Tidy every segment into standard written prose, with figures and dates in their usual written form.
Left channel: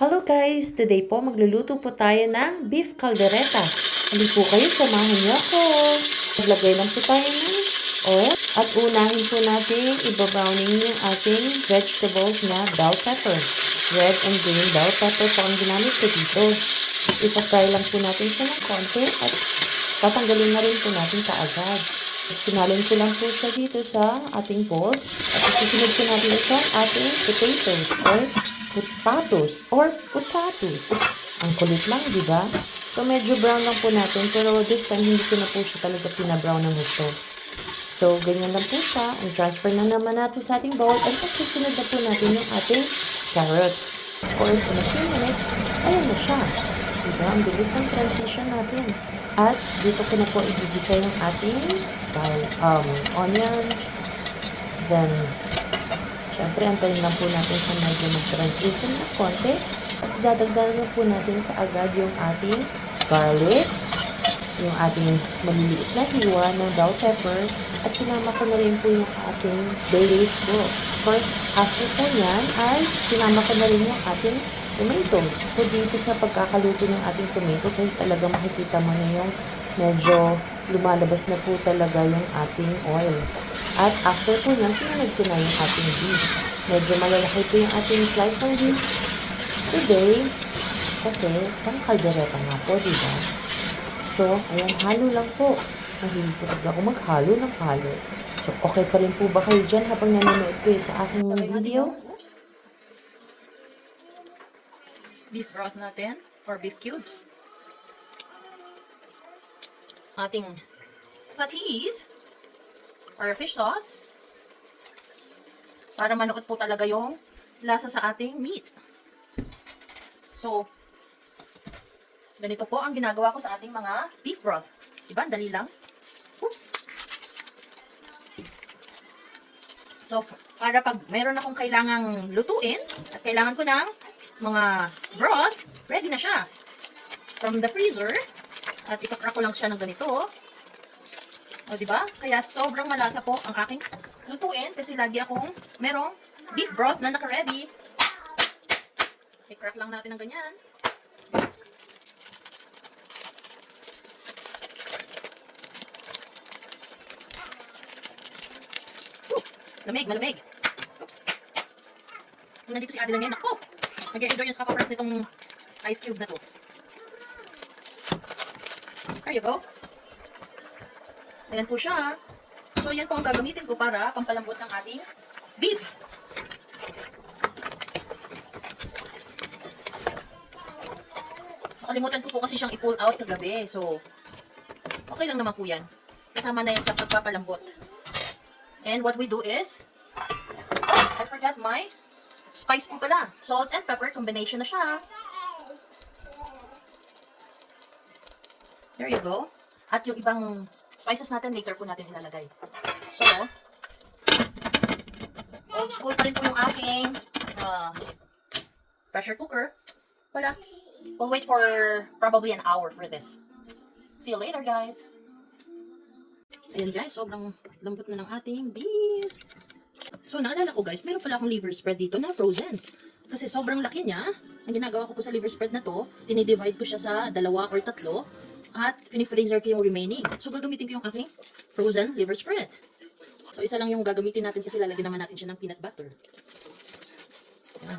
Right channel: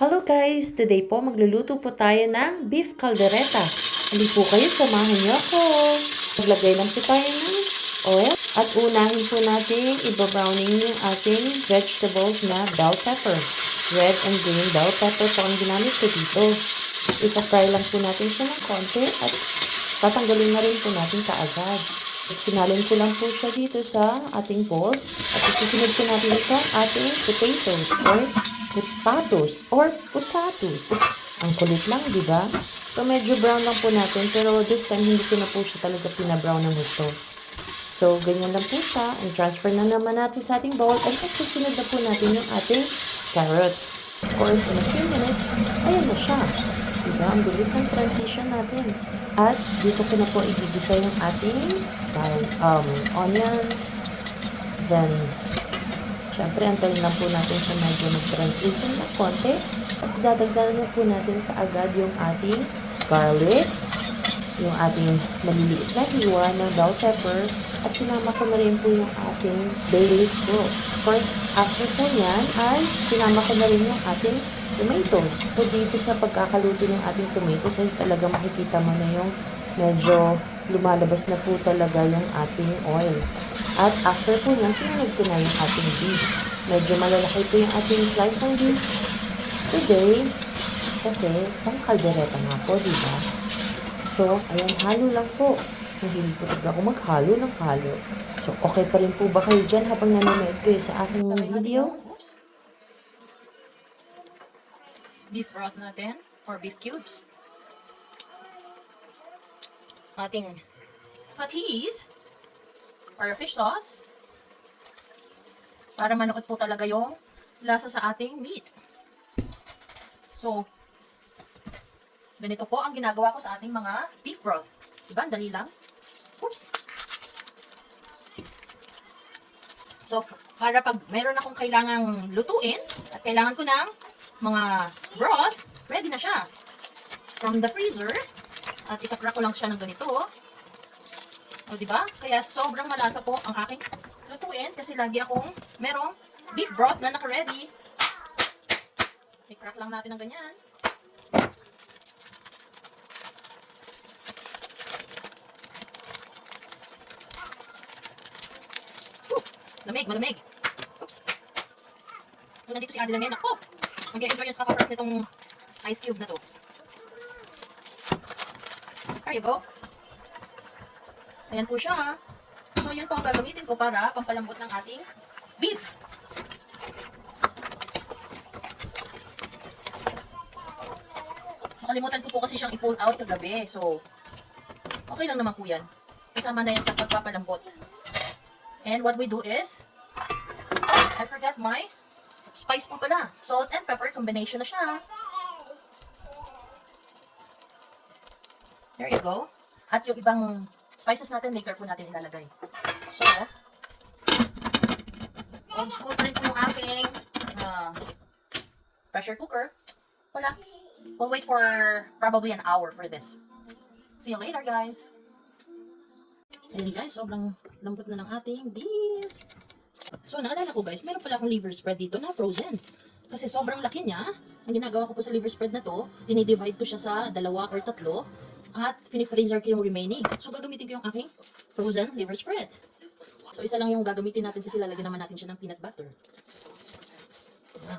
Hello guys! Today po magluluto po tayo ng beef caldereta. Hindi po kayo, samahan niyo ako. Maglagay lang po tayo ng oil at unahin po natin ibabrowning yung ating vegetables na bell pepper. Red and green bell pepper po ang ginamit ko dito. Isa-fry lang po natin siya ng konti at tatanggalin na rin po natin kaagad. Sinalin ko lang po siya dito sa ating bowl at isusunod po natin ito ang ating potatoes. Ang kulit lang, di ba? So, medyo brown lang po natin. Pero this time, hindi ko na po siya talaga pinabrown ng gusto. So, ganyan lang po siya. And transfer na naman natin sa ating bowl. And susunod na po natin yung ating carrots. Of course, in a few minutes, ayan na siya. Diba? Ang bilis ng transition natin. At dito ko na po igigisa yung ating onions. Then, syempre, antayin lang po natin siya medyo mag-transition na konti. At dadagdagan na po natin kaagad yung ating garlic, yung ating maliliit na hiwa ng bell pepper, at sinama ko na rin po yung ating bay leaf po. Of course, after po yan, ay sinama ko na rin yung ating tomatoes. So, dito sa pagkakaluto ng ating tomatoes, ay talaga makikita mo na yung medyo lumalabas na po talaga yung ating oil. At after po nyan, sinunod ko na yung ating beef. Medyo malalaki po yung ating slice ng beef today kasi pang kaldereta nga po, diba? So, ayan, halo lang po. Mahilig po talaga ako maghalo ng halo. So, okay pa rin po ba kayo dyan habang nanonood kayo sa aking video? Oops. Beef broth natin or beef cubes. Ating patties or fish sauce para manukot po talaga yung lasa sa ating meat. So, ganito po ang ginagawa ko sa ating mga beef broth. Diba? Dali lang. Oops. So, para pag meron akong kailangang lutuin at kailangan ko ng mga broth, ready na siya. From the freezer. At ikakrack ko lang siya ng ganito. O, diba? Kaya sobrang malasa po ang aking lutuin kasi lagi akong merong beef broth na naka-ready. I-crack lang natin ng ganyan. Malamig. Oops. Kung nandito si Adi lang yan, ako! Mag-enjoy yung kaka-crack nitong ice cube na to. There you go. Ayan po siya. So, yan po ang gagamitin ko para pampalambot ng ating beef. Nakalimutan ko po kasi siyang i-pull out kagabi. So, okay lang naman po yan. Kasama na yan sa pagpapalambot. And what we do is, I forgot my spice po pala. Salt and pepper combination na siya. There you go. At yung ibang spices natin, later po natin ilalagay. So, old school pa rin po yung aking pressure cooker. Wala. We'll wait for probably an hour for this. See you later, guys. Ayan guys, sobrang lambot na ng ating beef. So, naalala ko guys, meron pala akong liver spread dito na frozen. Kasi sobrang laki niya. Ang ginagawa ko po sa liver spread na to, dinidivide ko siya sa 2 or 3 at fini-freezer ko yung remaining. So, gagamitin ko yung aking frozen liver spread. So, isa lang yung gagamitin natin kasi lalagyan naman natin siya ng peanut butter. Ayan.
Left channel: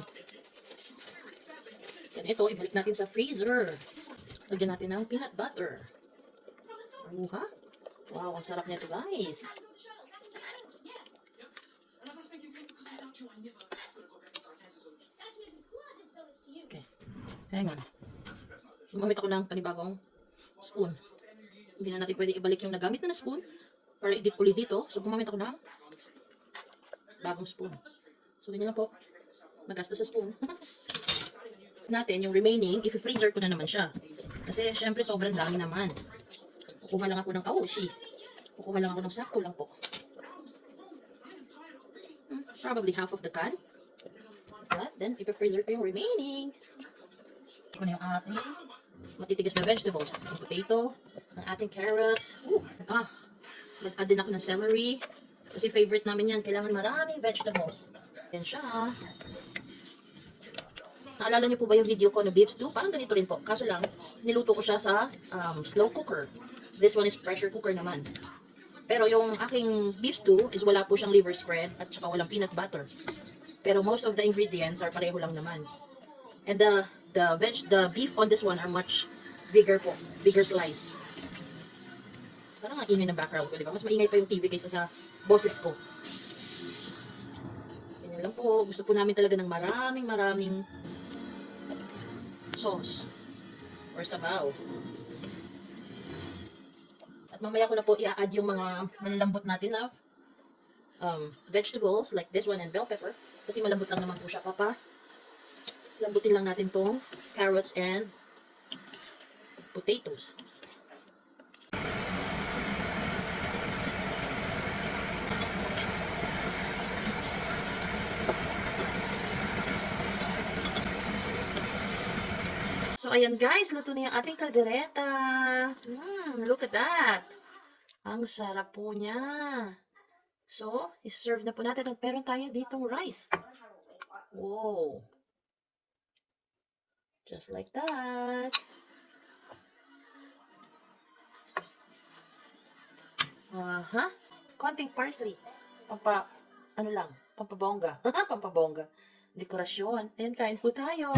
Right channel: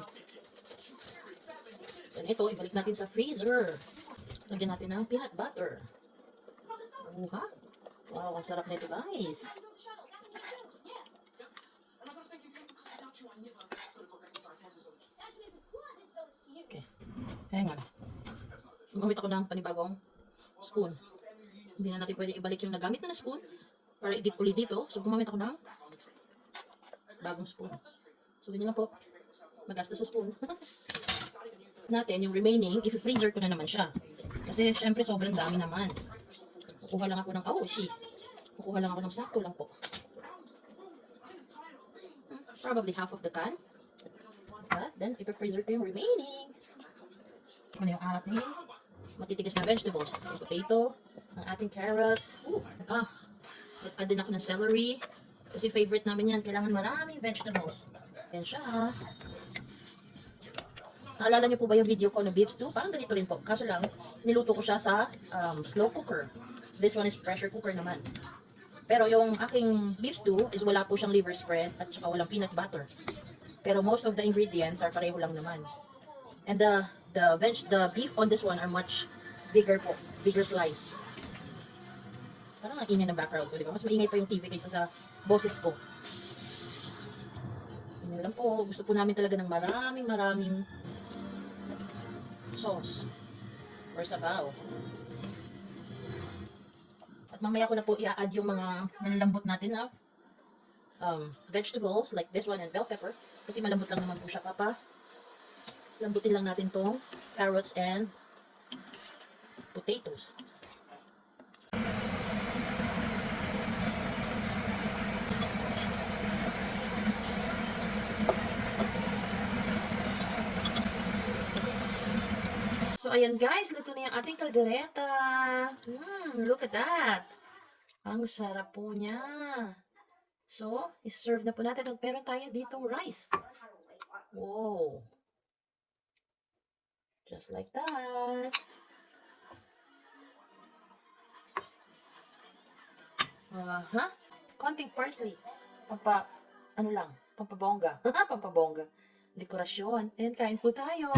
Yan, ito, ibalik natin sa freezer. Lagyan natin ng peanut butter. Ha? Wow, ang sarap nito guys. Okay. Hang on. Gumamit ako ng panibagong spoon. Hindi na natin pwede ibalik yung nagamit na spoon para i-dip ulit dito. So, gumamit ako ng bagong spoon. So, yun lang po. Magastos sa spoon. Natin, yung remaining, i-freezer ko na naman siya. Kasi, syempre, sobrang dami naman. Kukuha lang ako ng Kukuha lang ako ng sakto lang po. Probably half of the can. But then, i-freezer ko yung remaining. Ito na yung ating matitigas na vegetables. Yung potato, ng ating carrots. Mag-add din ako ng celery. Kasi favorite namin yan. Kailangan maraming vegetables. Yan siya. Naalala niyo po ba yung video ko na beef stew? Parang ganito rin po. Kaso lang, niluto ko siya sa slow cooker. This one is pressure cooker naman. Pero yung aking beef stew is wala po siyang liver spread at saka walang peanut butter. Pero most of the ingredients are pareho lang naman. And the beef on this one are much bigger po. Bigger slice. Parang ang ingay ng background ko, di ba? Mas maingay pa yung TV kaysa sa boses ko. Yun lang po. Gusto po namin talaga ng maraming sauce or sabaw. At mamaya ko na po i-add yung mga malalambot natin na vegetables like this one and bell pepper. Kasi malambot lang naman po siya, papa. Lambutin lang natin tong carrots and potatoes. So, ayan guys, luto na yung ating kaldereta. Look at that. Ang sarap po niya. So, iserve na po natin. Meron tayo ditong rice. Wow. Just like that. Konting parsley. Pampabongga. Pampabongga. Dekorasyon. Ayan, kain po tayo.